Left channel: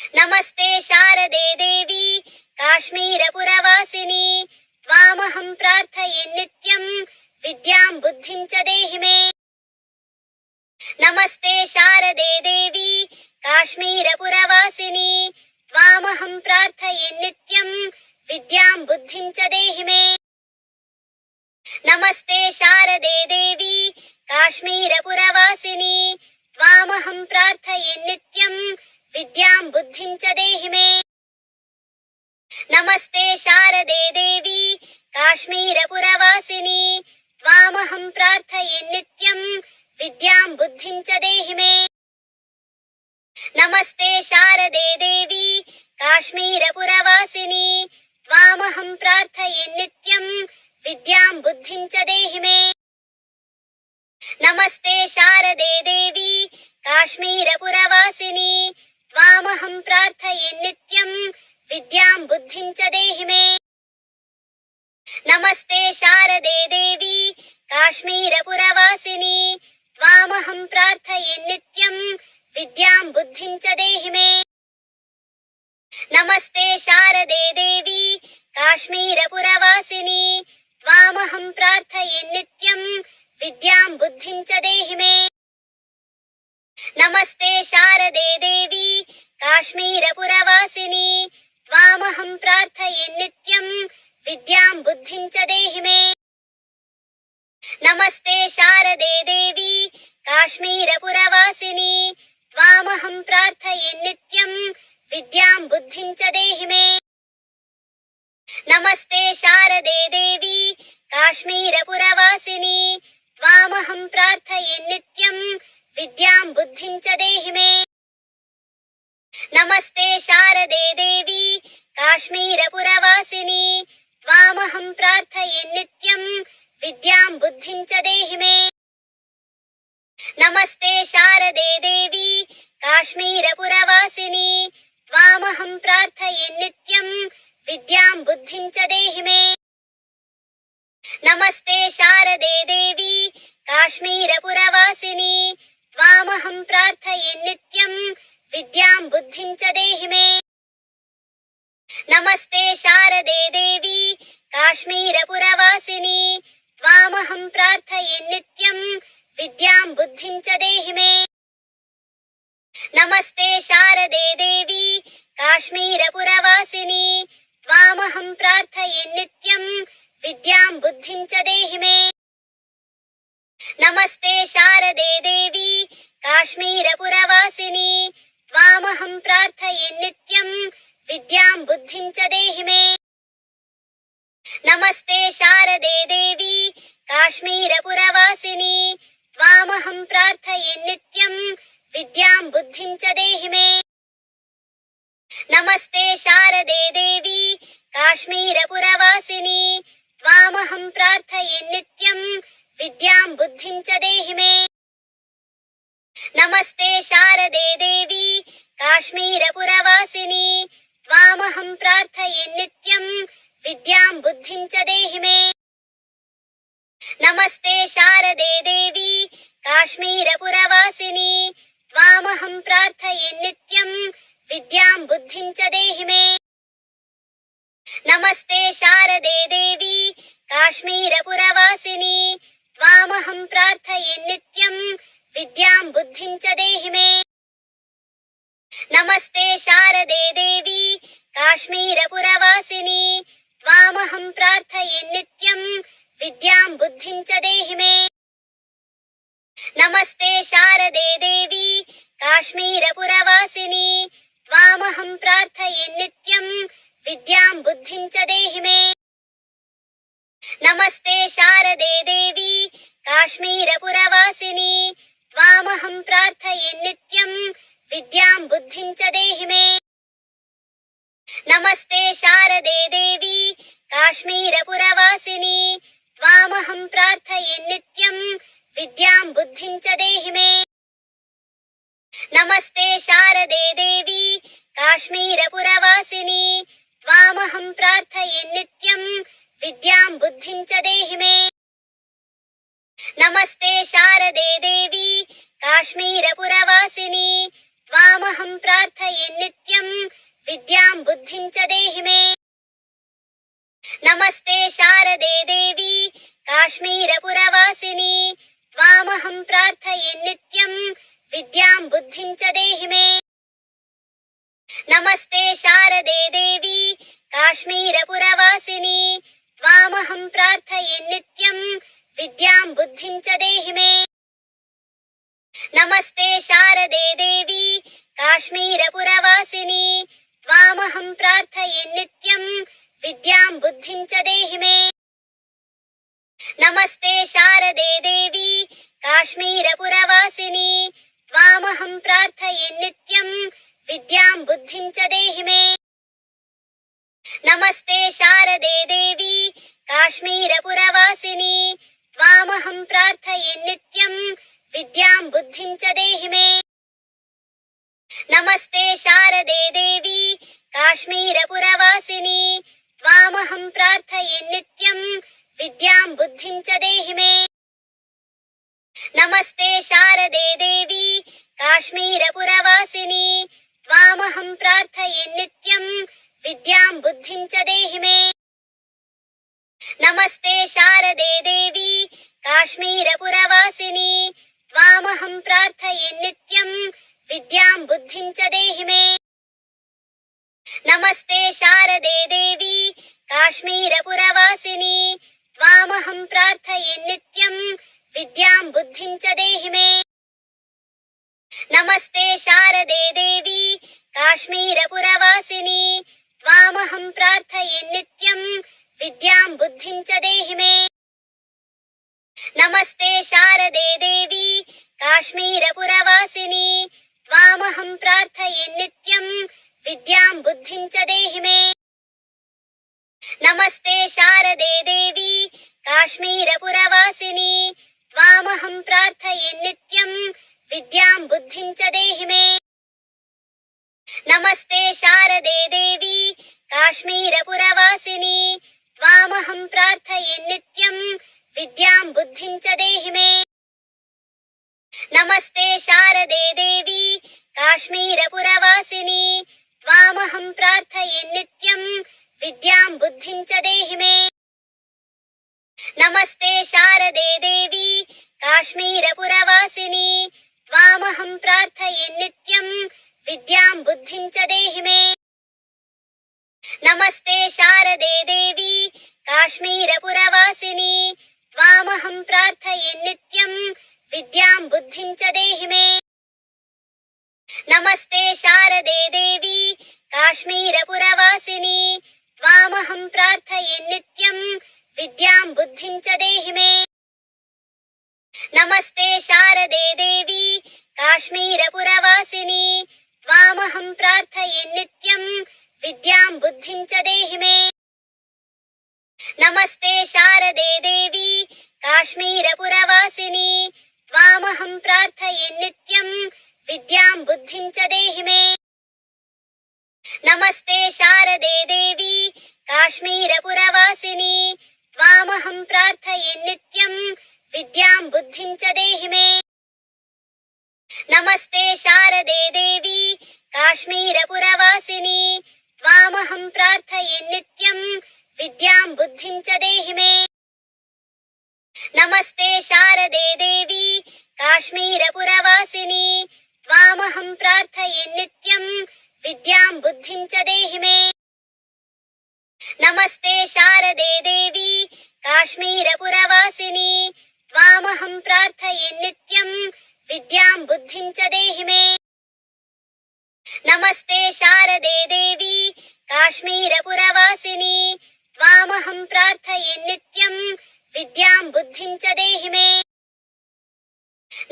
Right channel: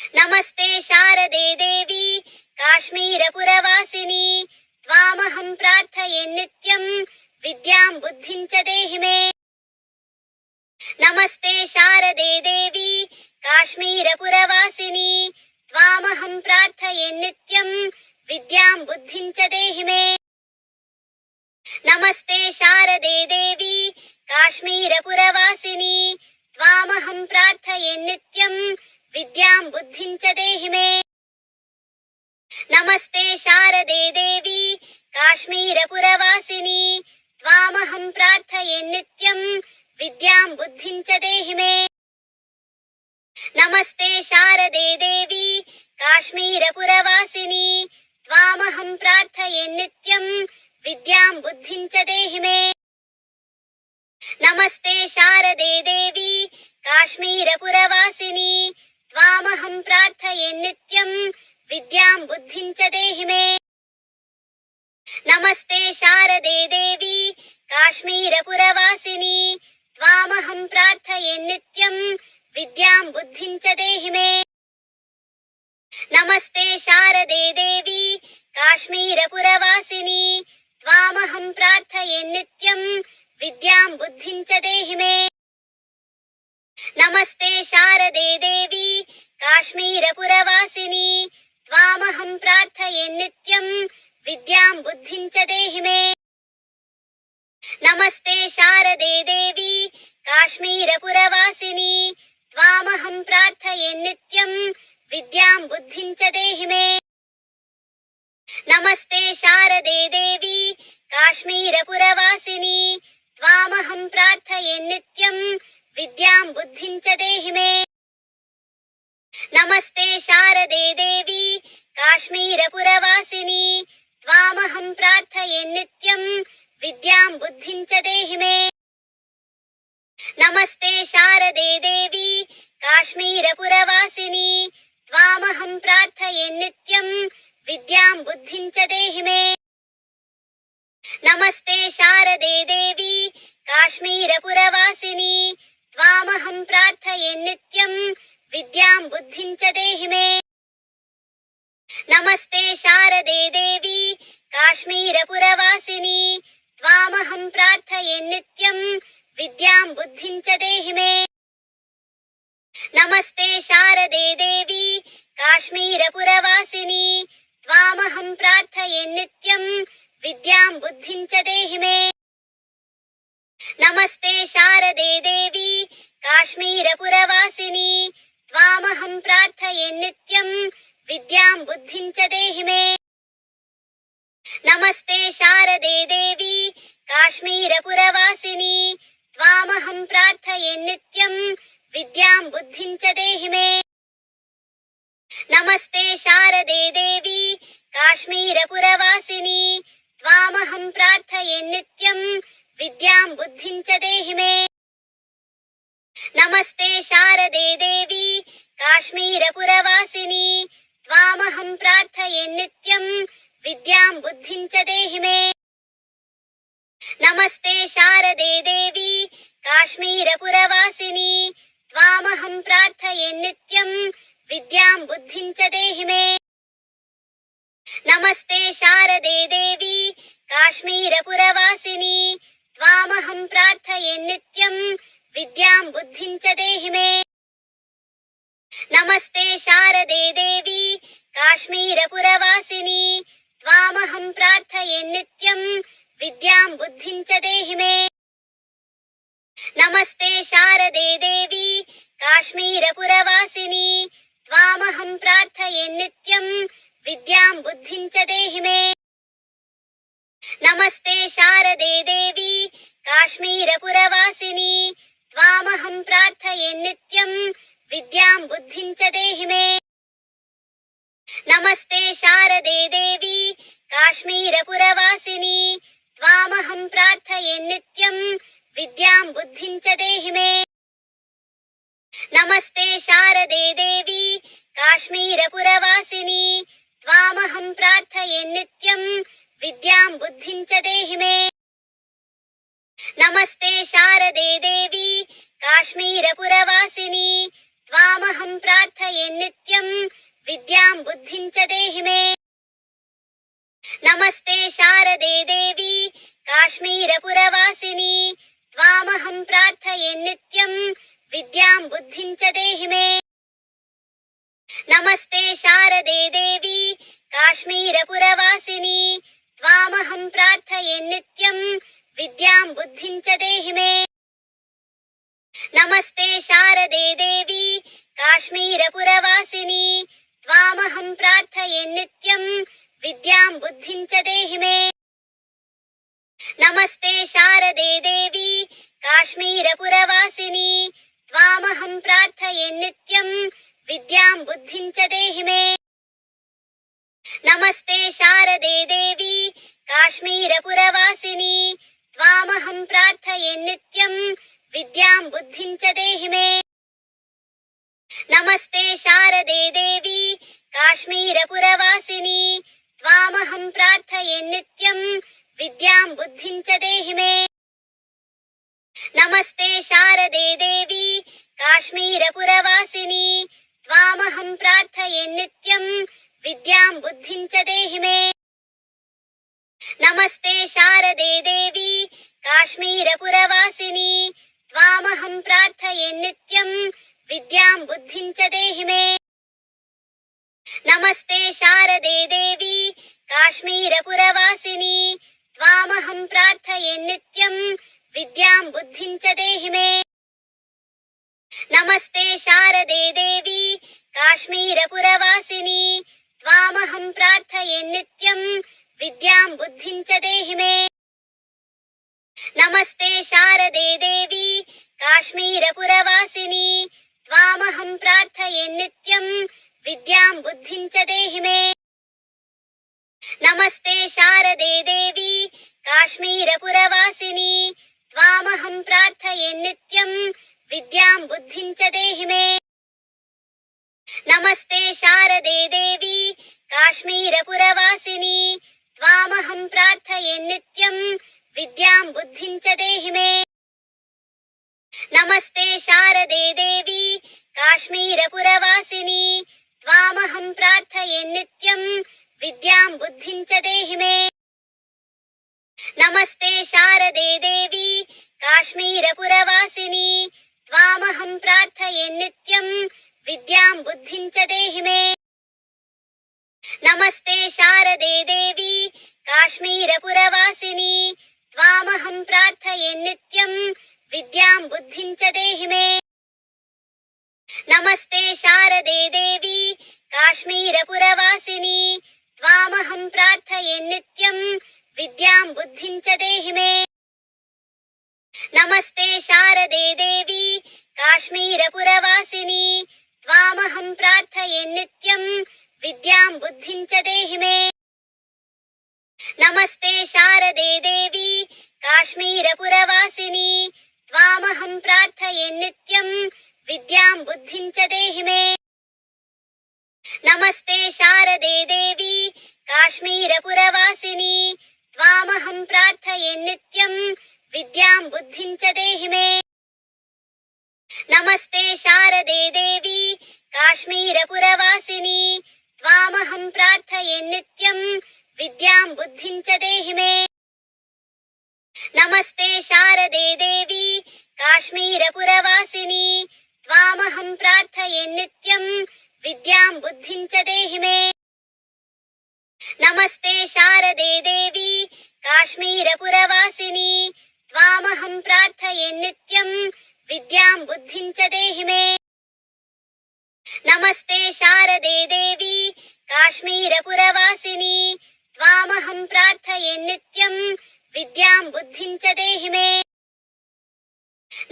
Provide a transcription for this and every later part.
नमस्ते शारदे देवी काश्मीरपुरवासिनी त्वामहं प्रार्थये नित्यं विद्यां बुद्धिं च देहि मे। नमस्ते शारदे देवी काश्मीरपुरवासिनी त्वामहं प्रार्थये नित्यं विद्यां बुद्धिं च देहि मे। नमस्ते शारदे देवी काश्मीरपुरवासिनी त्वामहं प्रार्थये नित्यं विद्यां बुद्धिं च देहि मे। नमस्ते शारदे देवी काश्मीरपुरवासिनी त्वामहं प्रार्थये नित्यं विद्यां बुद्धिं च देहि मे। नमस्ते शारदे देवी काश्मीरपुरवासिनी त्वामहं प्रार्थये नित्यं विद्यां बुद्धिं च देहि मे। नमस्ते शारदे देवी काश्मीरपुरवासिनी त्वामहं प्रार्थये नित्यं विद्यां बुद्धिं च देहि मे। नमस्ते शारदे देवी काश्मीरपुरवासिनी त्वामहं प्रार्थये नित्यं विद्यां बुद्धिं च देहि मे। नमस्ते शारदे देवी काश्मीरपुरवासिनी त्वामहं प्रार्थये नित्यं विद्यां बुद्धिं च देहि मे। नमस्ते शारदे देवी काश्मीरपुरवासिनी त्वामहं प्रार्थये नित्यं विद्यां बुद्धिं च देहि मे। नमस्ते शारदे देवी काश्मीरपुरवासिनी त्वामहं प्रार्थये नित्यं विद्यां बुद्धिं च देहि मे। नमस्ते शारदे देवी काश्मीरपुरवासिनी त्वामहं प्रार्थये नित्यं विद्यां बुद्धिं च देहि मे। नमस्ते शारदे देवी काश्मीरपुरवासिनी त्वामहं प्रार्थये नित्यं विद्यां बुद्धिं च देहि मे। नमस्ते शारदे देवी काश्मीरपुरवासिनी त्वामहं प्रार्थये नित्यं विद्यां बुद्धिं च देहि मे। नमस्ते शारदे देवी काश्मीरपुरवासिनी त्वामहं प्रार्थये नित्यं विद्यां बुद्धिं च देहि मे। नमस्ते शारदे देवी काश्मीरपुरवासिनी त्वामहं प्रार्थये नित्यं विद्यां बुद्धिं च देहि मे। नमस्ते शारदे देवी काश्मीरपुरवासिनी त्वामहं प्रार्थये नित्यं विद्यां बुद्धिं च देहि मे। नमस्ते शारदे देवी काश्मीरपुरवासिनी त्वामहं प्रार्थये नित्यं विद्यां बुद्धिं च देहि मे। नमस्ते शारदे देवी काश्मीरपुरवासिनी त्वामहं प्रार्थये नित्यं विद्यां बुद्धिं च देहि मे। नमस्ते शारदे देवी काश्मीरपुरवासिनी त्वामहं प्रार्थये नित्यं विद्यां बुद्धिं च देहि मे। नमस्ते शारदे देवी काश्मीरपुरवासिनी त्वामहं प्रार्थये नित्यं विद्यां बुद्धिं च देहि मे। नमस्ते शारदे देवी काश्मीरपुरवासिनी त्वामहं प्रार्थये नित्यं विद्यां बुद्धिं च देहि मे। नमस्ते शारदे देवी काश्मीरपुरवासिनी त्वामहं प्रार्थये नित्यं विद्यां बुद्धिं च देहि मे। नमस्ते शारदे देवी काश्मीरपुरवासिनी त्वामहं प्रार्थये नित्यं विद्यां बुद्धिं च देहि मे। नमस्ते शारदे देवी काश्मीरपुरवासिनी त्वामहं प्रार्थये नित्यं विद्यां बुद्धिं च देहि मे। नमस्ते शारदे देवी काश्मीरपुरवासिनी त्वामहं प्रार्थये नित्यं विद्यां बुद्धिं च देहि मे। नमस्ते शारदे देवी काश्मीरपुरवासिनी त्वामहं प्रार्थये नित्यं विद्यां बुद्धिं च देहि मे। नमस्ते शारदे देवी काश्मीरपुरवासिनी त्वामहं प्रार्थये नित्यं विद्यां बुद्धिं च देहि मे। नमस्ते शारदे देवी काश्मीरपुरवासिनी त्वामहं प्रार्थये नित्यं विद्यां बुद्धिं च देहि मे। नमस्ते शारदे देवी काश्मीरपुरवासिनी त्वामहं प्रार्थये नित्यं विद्यां बुद्धिं च देहि मे। नमस्ते शारदे देवी काश्मीरपुरवासिनी त्वामहं प्रार्थये नित्यं विद्यां बुद्धिं च देहि मे। नमस्ते शारदे देवी काश्मीरपुरवासिनी त्वामहं प्रार्थये नित्यं विद्यां बुद्धिं च देहि मे। नमस्ते शारदे देवी काश्मीरपुरवासिनी त्वामहं प्रार्थये नित्यं विद्यां बुद्धिं च देहि मे। नमस्ते शारदे देवी काश्मीरपुरवासिनी त्वामहं प्रार्थये नित्यं विद्यां बुद्धिं च देहि मे। नमस्ते शारदे देवी काश्मीरपुरवासिनी त्वामहं प्रार्थये नित्यं विद्यां बुद्धिं च देहि मे। नमस्ते शारदे देवी काश्मीरपुरवासिनी त्वामहं प्रार्थये नित्यं विद्यां बुद्धिं च देहि मे। नमस्ते शारदे देवी काश्मीरपुरवासिनी त्वामहं प्रार्थये नित्यं विद्यां बुद्धिं च देहि मे। नमस्ते शारदे देवी काश्मीरपुरवासिनी त्वामहं प्रार्थये नित्यं विद्यां बुद्धिं च देहि मे। नमस्ते शारदे देवी काश्मीरपुरवासिनी त्वामहं प्रार्थये नित्यं विद्यां बुद्धिं च देहि मे। नमस्ते शारदे देवी काश्मीरपुरवासिनी त्वामहं प्रार्थये नित्यं विद्यां बुद्धिं च देहि मे। नमस्ते शारदे देवी काश्मीरपुरवासिनी त्वामहं प्रार्थये नित्यं विद्यां बुद्धिं च देहि मे। नमस्ते शारदे देवी काश्मीरपुरवासिनी त्वामहं प्रार्थये नित्यं विद्यां बुद्धिं च देहि मे। नमस्ते शारदे देवी काश्मीरपुरवासिनी त्वामहं प्रार्थये नित्यं विद्यां बुद्धिं च देहि मे। नमस्ते शारदे देवी काश्मीरपुरवासिनी त्वामहं प्रार्थये नित्यं विद्यां बुद्धिं च देहि मे। नमस्ते शारदे देवी काश्मीरपुरवासिनी त्वामहं प्रार्थये नित्यं विद्यां बुद्धिं च देहि मे। नमस्ते शारदे देवी काश्मीरपुरवासिनी त्वामहं प्रार्थये नित्यं विद्यां बुद्धिं च देहि मे। नमस्ते शारदे देवी काश्मीरपुरवासिनी त्वामहं प्रार्थये नित्यं विद्यां बुद्धिं च देहि मे। नमस्ते शारदे देवी काश्मीरपुरवासिनी त्वामहं प्रार्थये नित्यं विद्यां बुद्धिं च देहि मे। नमस्ते शारदे देवी काश्मीरपुरवासिनी त्वामहं प्रार्थये नित्यं विद्यां बुद्धिं च देहि मे। नमस्ते शारदे देवी काश्मीरपुरवासिनी त्वामहं प्रार्थये नित्यं विद्यां बुद्धिं च देहि मे। नमस्ते शारदे देवी काश्मीरपुरवासिनी त्वामहं प्रार्थये नित्यं विद्यां बुद्धिं च देहि मे। नमस्ते शारदे देवी काश्मीरपुरवासिनी त्वामहं प्रार्थये नित्यं विद्यां बुद्धिं च देहि मे। नमस्ते शारदे देवी काश्मीरपुरवासिनी त्वामहं प्रार्थये नित्यं विद्यां बुद्धिं च देहि मे।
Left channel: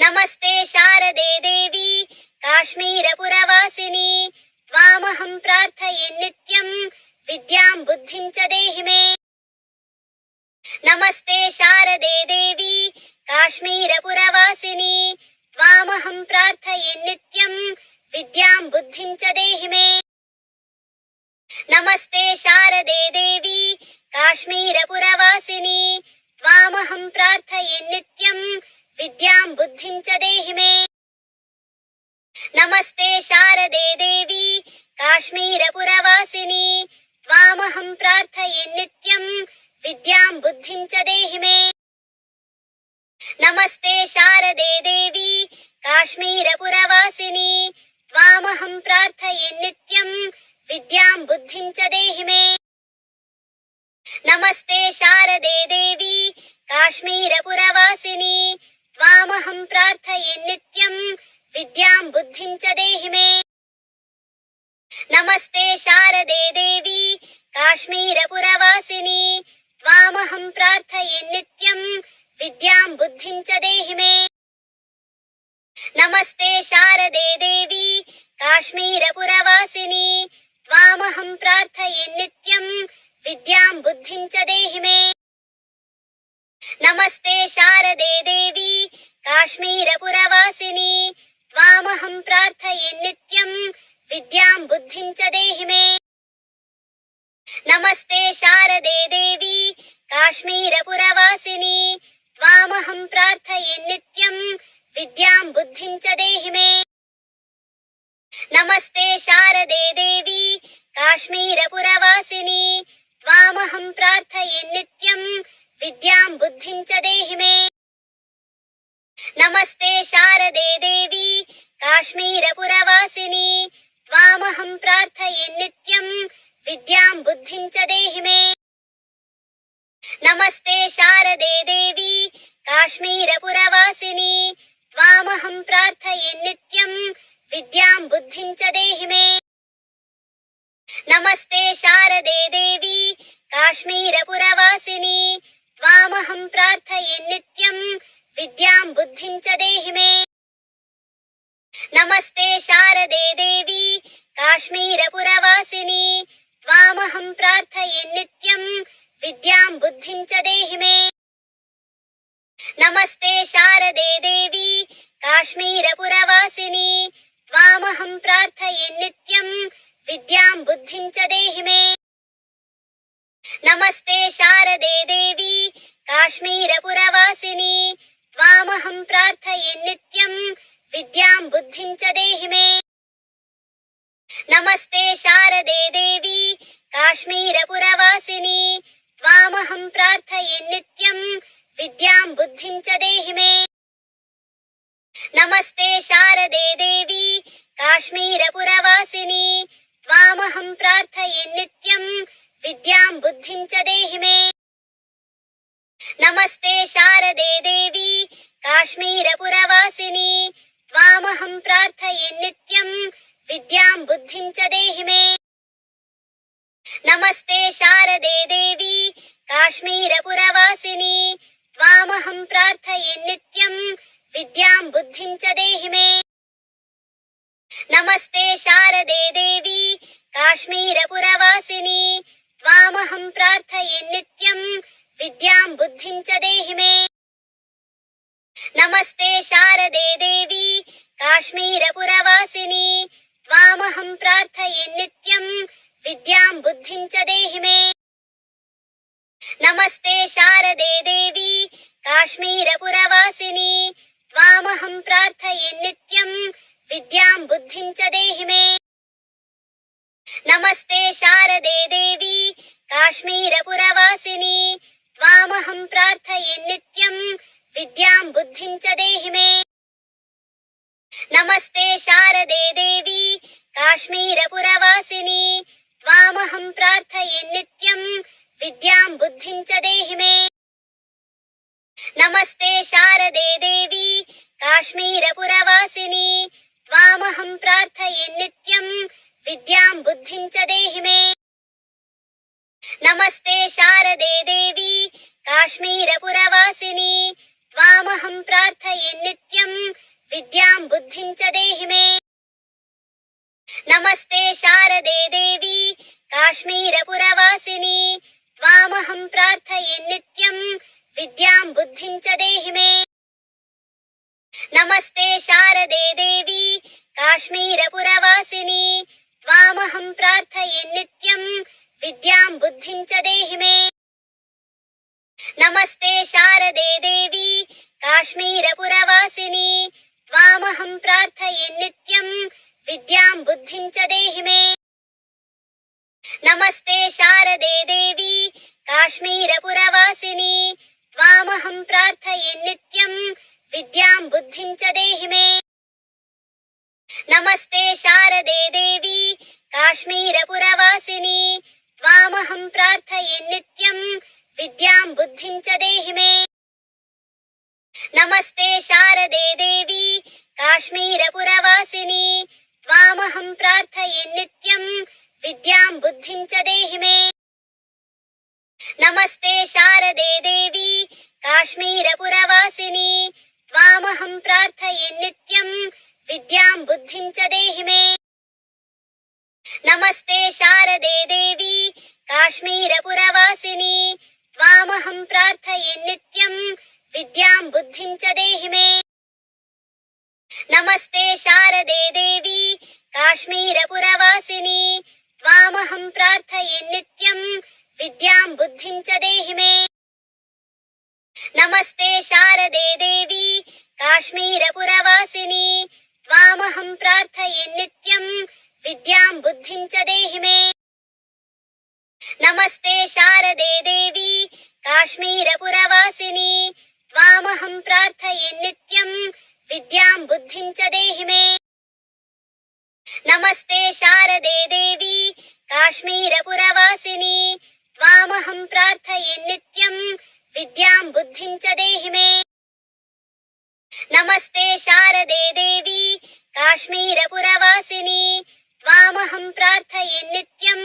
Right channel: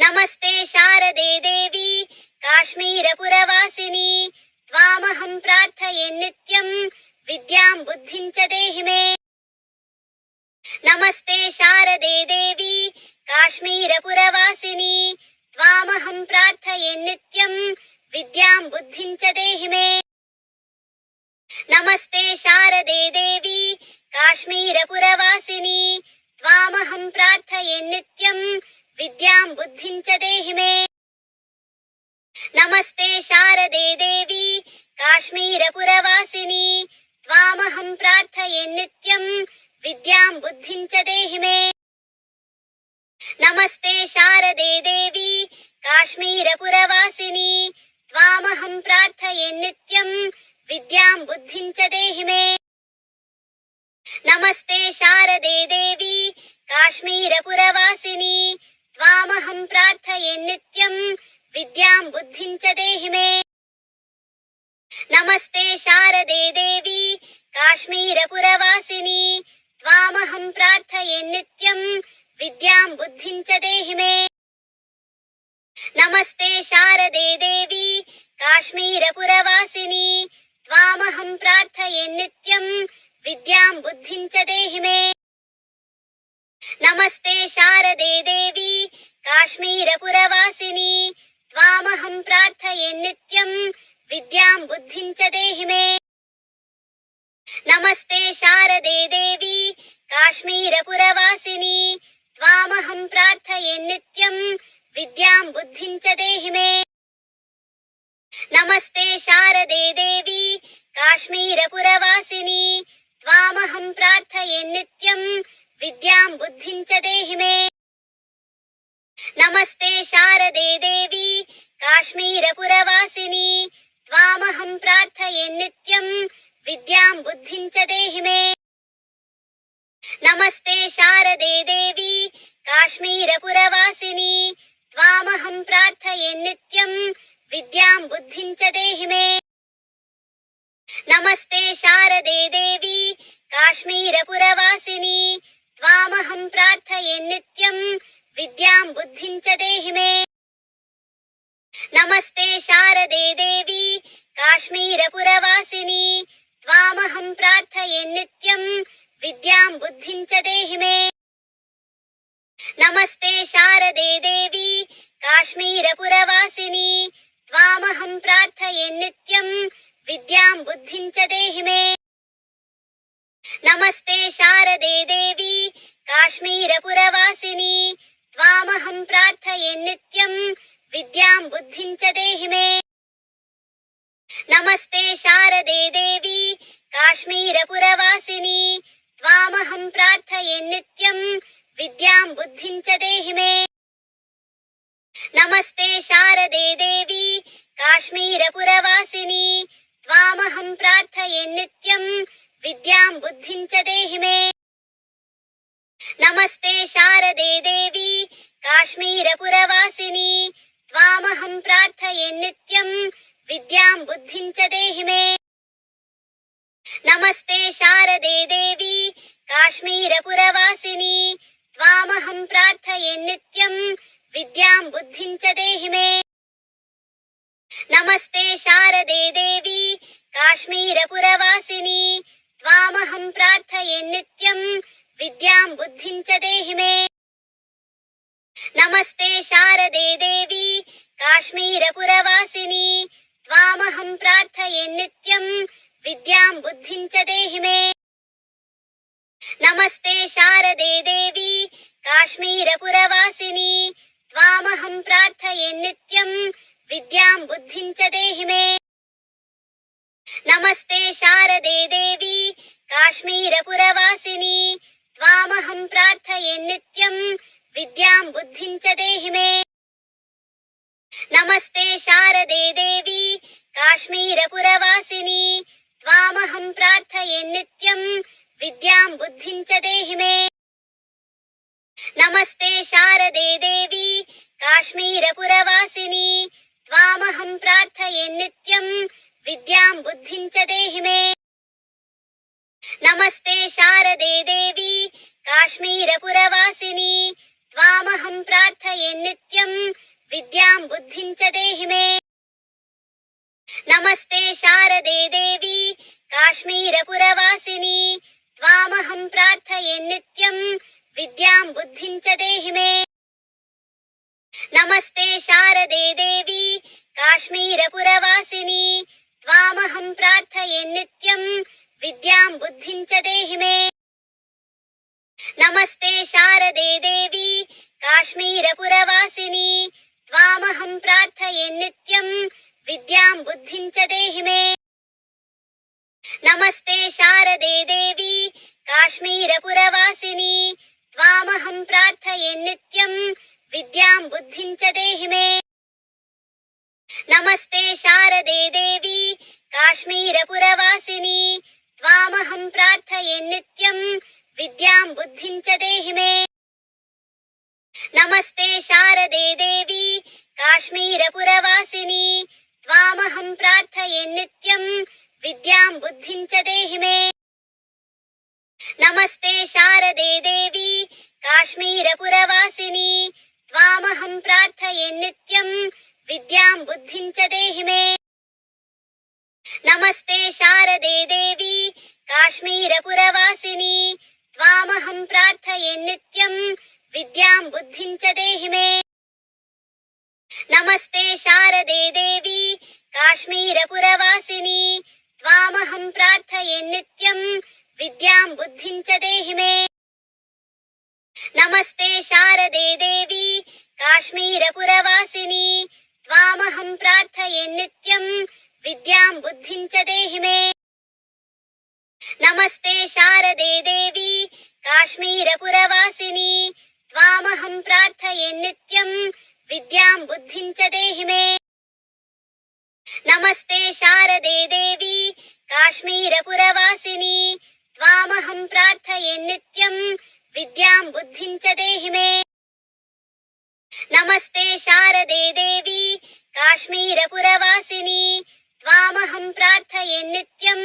नमस्ते शारदे देवी काश्मीरपुरवासिनी त्वामहं प्रार्थये नित्यं विद्यां बुद्धिं च देहि मे। नमस्ते शारदे देवी काश्मीरपुरवासिनी त्वामहं प्रार्थये नित्यं विद्यां बुद्धिं च देहि मे। नमस्ते शारदे देवी काश्मीरपुरवासिनी त्वामहं प्रार्थये नित्यं विद्यां बुद्धिं च देहि मे। नमस्ते शारदे देवी काश्मीरपुरवासिनी त्वामहं प्रार्थये नित्यं विद्यां बुद्धिं च देहि मे। नमस्ते शारदे देवी काश्मीरपुरवासिनी त्वामहं प्रार्थये नित्यं विद्यां बुद्धिं च देहि मे। नमस्ते शारदे देवी काश्मीरपुरवासिनी त्वामहं प्रार्थये नित्यं विद्यां बुद्धिं च देहि मे। नमस्ते शारदे देवी काश्मीरपुरवासिनी त्वामहं प्रार्थये नित्यं विद्यां बुद्धिं च देहि मे। नमस्ते शारदे देवी काश्मीरपुरवासिनी त्वामहं प्रार्थये नित्यं विद्यां बुद्धिं च देहि मे। नमस्ते शारदे देवी काश्मीरपुरवासिनी त्वामहं प्रार्थये नित्यं विद्यां बुद्धिं च देहि मे। नमस्ते शारदे देवी काश्मीरपुरवासिनी त्वामहं प्रार्थये नित्यं विद्यां बुद्धिं च देहि मे। नमस्ते शारदे देवी काश्मीरपुरवासिनी त्वामहं प्रार्थये नित्यं विद्यां बुद्धिं च देहि मे। नमस्ते शारदे देवी काश्मीरपुरवासिनी त्वामहं प्रार्थये नित्यं विद्यां बुद्धिं च देहि मे। नमस्ते शारदे देवी काश्मीरपुरवासिनी त्वामहं प्रार्थये नित्यं विद्यां बुद्धिं च देहि मे। नमस्ते शारदे देवी काश्मीरपुरवासिनी त्वामहं प्रार्थये नित्यं विद्यां बुद्धिं च देहि मे। नमस्ते शारदे देवी काश्मीरपुरवासिनी त्वामहं प्रार्थये नित्यं विद्यां बुद्धिं च देहि मे। नमस्ते शारदे देवी काश्मीरपुरवासिनी त्वामहं प्रार्थये नित्यं विद्यां बुद्धिं च देहि मे। नमस्ते शारदे देवी काश्मीरपुरवासिनी त्वामहं प्रार्थये नित्यं विद्यां बुद्धिं च देहि मे। नमस्ते शारदे देवी काश्मीरपुरवासिनी त्वामहं प्रार्थये नित्यं विद्यां बुद्धिं च देहि मे। नमस्ते शारदे देवी काश्मीरपुरवासिनी त्वामहं प्रार्थये नित्यं विद्यां बुद्धिं च देहि मे। नमस्ते शारदे देवी काश्मीरपुरवासिनी त्वामहं प्रार्थये नित्यं विद्यां बुद्धिं च देहि मे। नमस्ते शारदे देवी काश्मीरपुरवासिनी त्वामहं प्रार्थये नित्यं विद्यां बुद्धिं च देहि मे। नमस्ते शारदे देवी काश्मीरपुरवासिनी त्वामहं प्रार्थये नित्यं विद्यां बुद्धिं च देहि मे। नमस्ते शारदे देवी काश्मीरपुरवासिनी त्वामहं प्रार्थये नित्यं विद्यां बुद्धिं च देहि मे। नमस्ते शारदे देवी काश्मीरपुरवासिनी त्वामहं प्रार्थये नित्यं विद्यां बुद्धिं च देहि मे। नमस्ते शारदे देवी काश्मीरपुरवासिनी त्वामहं प्रार्थये नित्यं विद्यां बुद्धिं च देहि मे। नमस्ते शारदे देवी काश्मीरपुरवासिनी त्वामहं प्रार्थये नित्यं विद्यां बुद्धिं च देहि मे। नमस्ते शारदे देवी काश्मीरपुरवासिनी त्वामहं प्रार्थये नित्यं विद्यां बुद्धिं च देहि मे। नमस्ते शारदे देवी काश्मीरपुरवासिनी त्वामहं प्रार्थये नित्यं विद्यां बुद्धिं च देहि मे। नमस्ते शारदे देवी काश्मीरपुरवासिनी त्वामहं प्रार्थये नित्यं विद्यां बुद्धिं च देहि मे। नमस्ते शारदे देवी काश्मीरपुरवासिनी त्वामहं प्रार्थये नित्यं विद्यां बुद्धिं च देहि मे। नमस्ते शारदे देवी काश्मीरपुरवासिनी त्वामहं प्रार्थये नित्यं विद्यां बुद्धिं च देहि मे। पुरवासिनी त्वामहं प्रार्थये नित्यं विद्यां बुद्धिं च देहि मे। नमस्ते शारदे देवी काश्मीरपुरवासिनी त्वामहं प्रार्थये नित्यं विद्यां बुद्धिं च देहि मे। नमस्ते शारदे देवी काश्मीरपुरवासिनी त्वामहं प्रार्थये नित्यं विद्यां बुद्धिं च देहि मे। नमस्ते शारदे देवी काश्मीरपुरवासिनी त्वामहं प्रार्थये नित्यं विद्यां बुद्धिं च देहि मे। नमस्ते शारदे देवी काश्मीरपुरवासिनी त्वामहं प्रार्थये नित्यं विद्यां बुद्धिं च देहि मे। नमस्ते शारदे देवी काश्मीरपुरवासिनी त्वामहं प्रार्थये नित्यं विद्यां बुद्धिं च देहि मे। नमस्ते शारदे देवी काश्मीरपुरवासिनी त्वामहं प्रार्थये नित्यं विद्यां बुद्धिं च देहि मे। नमस्ते शारदे देवी काश्मीरपुरवासिनी त्वामहं प्रार्थये नित्यं विद्यां बुद्धिं च देहि मे। नमस्ते शारदे देवी काश्मीरपुरवासिनी त्वामहं प्रार्थये नित्यं विद्यां बुद्धिं च देहि मे। नमस्ते शारदे देवी काश्मीरपुरवासिनी त्वामहं प्रार्थये नित्यं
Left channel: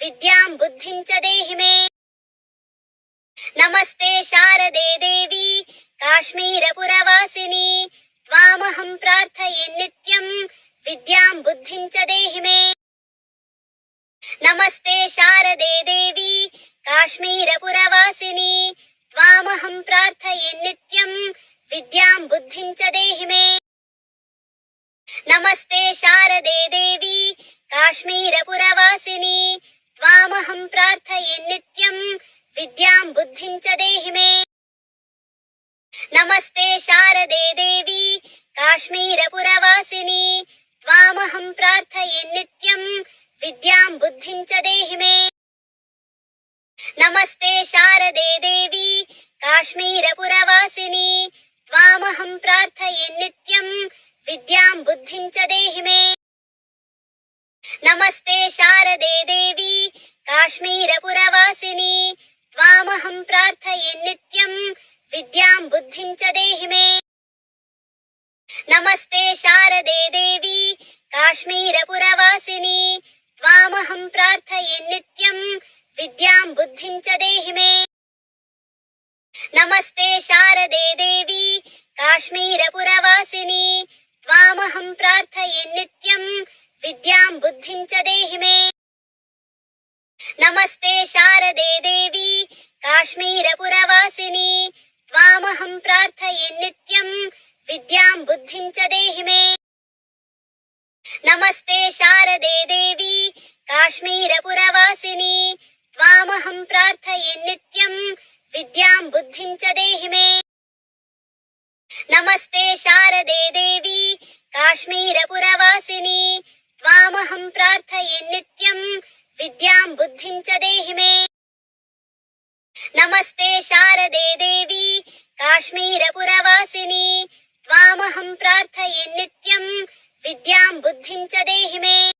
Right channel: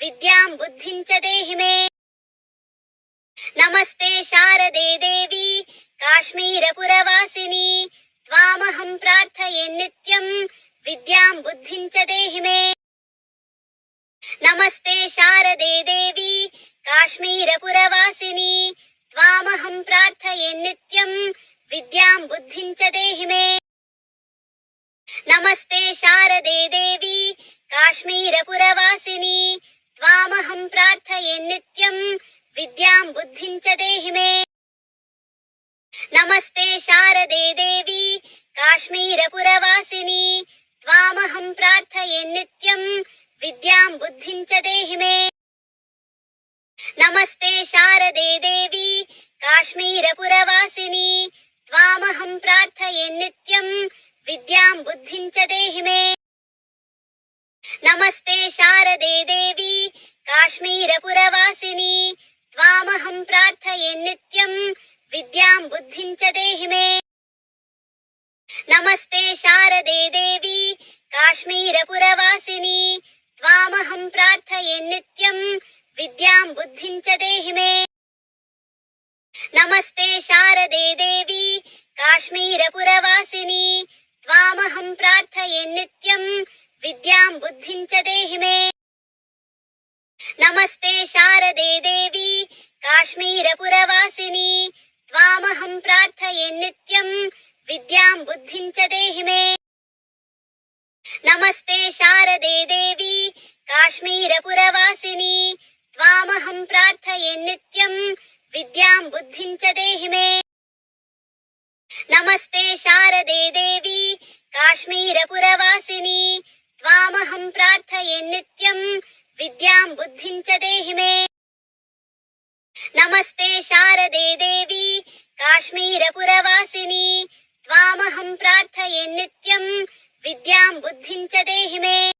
विद्यां बुद्धिं च देहि मे। नमस्ते शारदे देवी काश्मीरपुरवासिनी त्वामहं प्रार्थये नित्यं विद्यां बुद्धिं च देहि मे। नमस्ते शारदे देवी काश्मीरपुरवासिनी त्वामहं प्रार्थये नित्यं विद्यां बुद्धिं च देहि मे। नमस्ते शारदे देवी काश्मीरपुरवासिनी त्वामहं प्रार्थये नित्यं विद्यां बुद्धिं च देहि मे। नमस्ते शारदे देवी काश्मीरपुरवासिनी त्वामहं प्रार्थये नित्यं विद्यां बुद्धिं च देहि मे। नमस्ते शारदे देवी काश्मीरपुरवासिनी त्वामहं प्रार्थये नित्यं विद्यां बुद्धिं च देहि मे। नमस्ते शारदे देवी काश्मीरपुरवासिनी त्वामहं प्रार्थये नित्यं विद्यां बुद्धिं च देहि मे। नमस्ते शारदे देवी काश्मीरपुरवासिनी त्वामहं प्रार्थये नित्यं विद्यां बुद्धिं च देहि मे। नमस्ते शारदे देवी काश्मीरपुरवासिनी त्वामहं प्रार्थये नित्यं विद्यां बुद्धिं च देहि मे। नमस्ते शारदे देवी काश्मीरपुरवासिनी त्वामहं प्रार्थये नित्यं विद्यां बुद्धिं च देहि मे। नमस्ते शारदे देवी काश्मीरपुरवासिनी त्वामहं प्रार्थये नित्यं विद्यां बुद्धिं च देहि मे। नमस्ते शारदे देवी काश्मीरपुरवासिनी त्वामहं प्रार्थये नित्यं विद्यां बुद्धिं च देहि मे। नमस्ते शारदे देवी काश्मीरपुरवासिनी त्वामहं प्रार्थये नित्यं विद्यां बुद्धिं च देहि मे।